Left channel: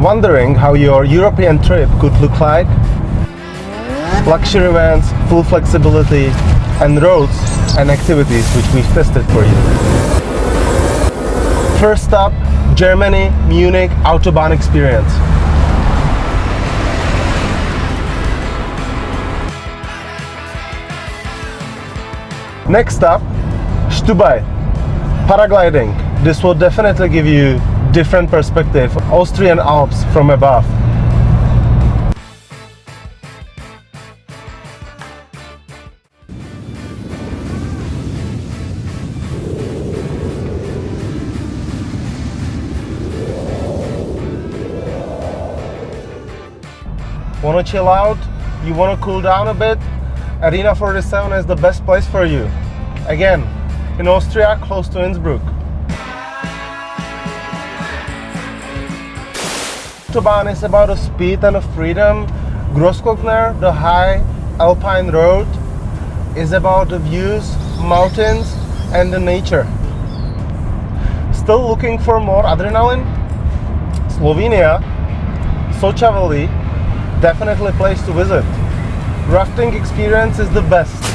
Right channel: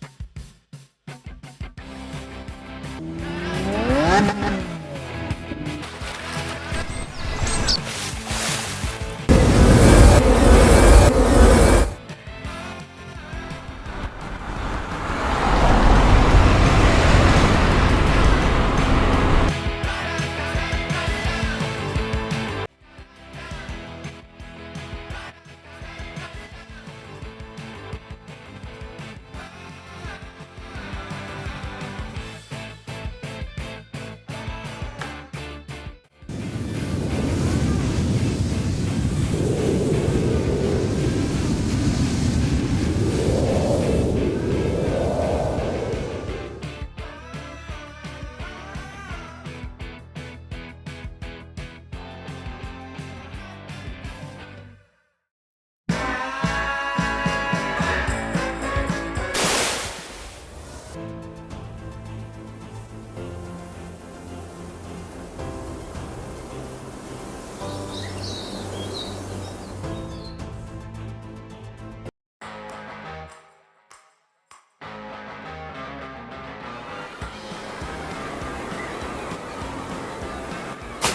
Wondering how your European trip could look like? Luxury vans, full flexibility, and roads and activities which we've tested for you. First stop, Germany, Munich Autobahn Experience. Next stop, Stubai, paragliding. This will definitely give you different perspective of Austrian Alps from above. Want to chill out? You want to cool down a bit? Arena 47 is the best place for you. Again, in Austria, close to Innsbruck. Autobahn is about the speed and the freedom. Grossglockner, the High Alpine Road, is about the views, mountains, and the nature. Still looking for more adrenaline? Slovenia, Socha Valley, definitely a place to visit. Rafting experience is the best.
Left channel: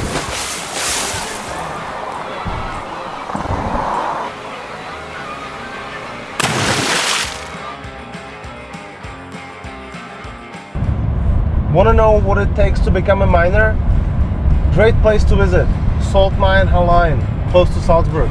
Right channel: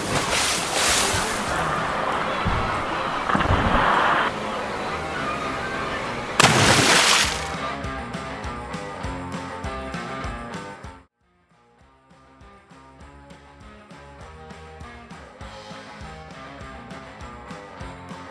Want to know what it takes to become a miner? Great place to visit. Salt Mine Hallein, close to Salzburg.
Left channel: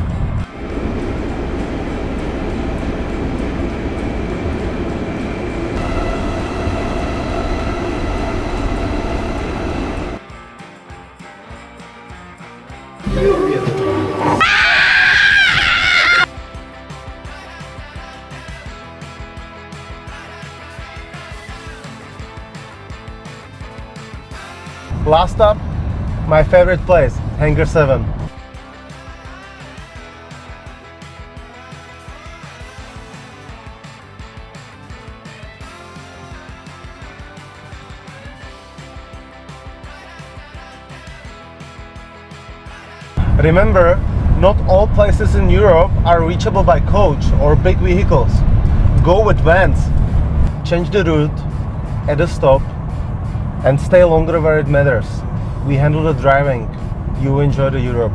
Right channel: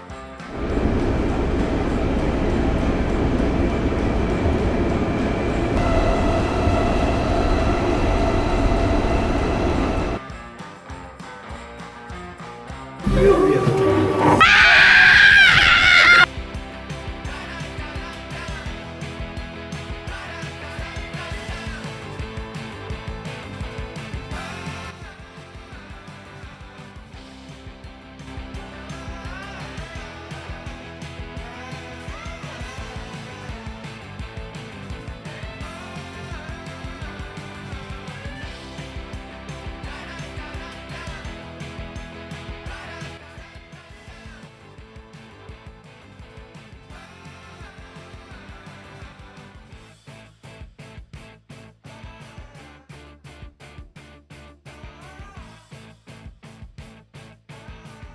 Last stop, my favorite place, Hangar 7. Remember, not all places in Europe are reachable by coach or big vehicles. Go with vans. Change the route at a stop and stay longer where it matters. We handle the driving. You enjoy the Europe.